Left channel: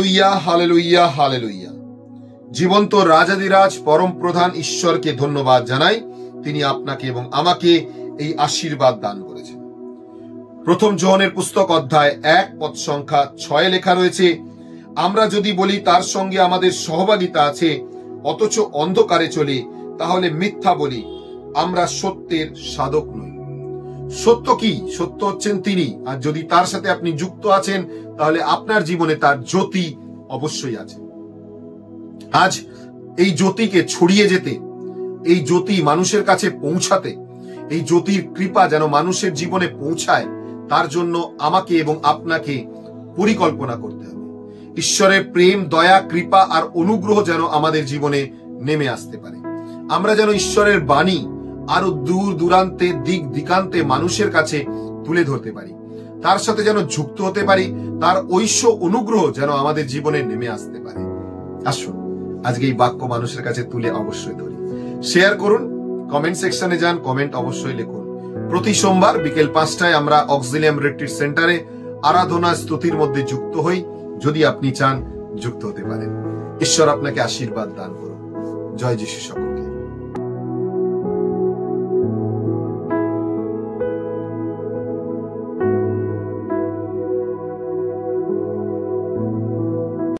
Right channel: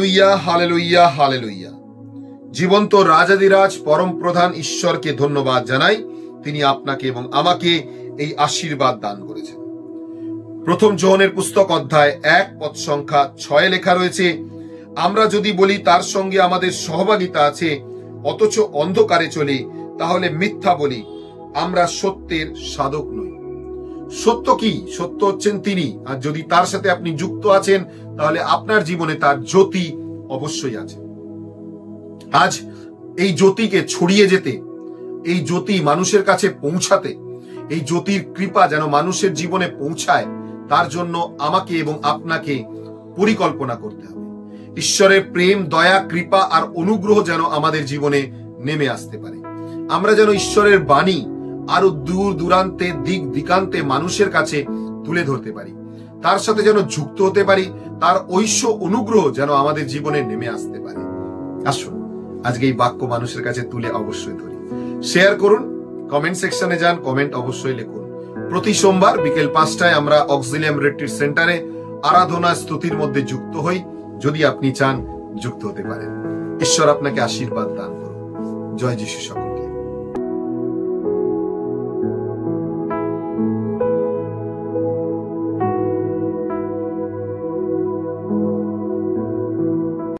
Hallelujah, hallelujah, hallelujah. জীবন্ত রাজাদিরাজ পরম প্রধান ঈশ্বরকে ধন্যবাদ জানাই। তিনি আপনাকে এবং আমাকে এই আশীর্বাদ দান করেছেন। প্রথম যোহনের পুস্তক অধ্যায় 1 পদ সংখ্যা 6 লেখা রয়েছে, আমরা যদি বলি তার সঙ্গে আমাদের সহভাগিতা আছে অথচ অন্ধকারে চলি, তাহলে মিথ্যা বলি, আমরা সত্যের সাধক নই। সত্য কি? সত্য হচ্ছেন তিনি। আর যদি তার সাথে আপনি যুক্ত আছেন, তাহলে আপনার জীবনে তার জ্যোতি অবশ্যই আছে। আজ এই জ্যোতিকে ছড়িয়ে যেতে, এই জ্যোতি মানুষের কাছে পৌঁছাতে, এই জ্যোতির কৃপা যেন মানুষের জীবনে পৌঁছায়, তার জন্য আমাকে এবং আপনাকে পরিকল্পনা করতে হবে। ঈশ্বরের প্রেম, দয়া, কৃপা আর অনুগ্রহ যেন আমাদের জীবনে নেমে আসতে পারে। আমরা যেন ঈশ্বরের বাণী আরো দূর দূরান্তে, দিক দিকান্তে মানুষের কাছে তুলে ধরতে পারি, তার সাথে যেন যুক্ত হতে পারি, তার ঐশ্য অনুগ্রহ যেন আমাদের জীবনে নেমে আসতে পারে। আসুন আজকে এই বাক্য মানুষের কাছে তুলে অবশ্যই ধরি। শেয়ার করুন, কমেন্ট সেকশনে যান, কমেন্ট অবশ্যই লিখুন। প্রতি সোমবার বিকেল 5টায় আমরা অক্সিলিয়াম রিট্রিট সেন্টারে আরাধনা স্তুতির মধ্যে যুক্ত হই। যদি আপনি চান যুক্ত হতে পারেন। ঈশ্বর আপনাকে আশীর্বাদ দান করুন। জয় যিশু।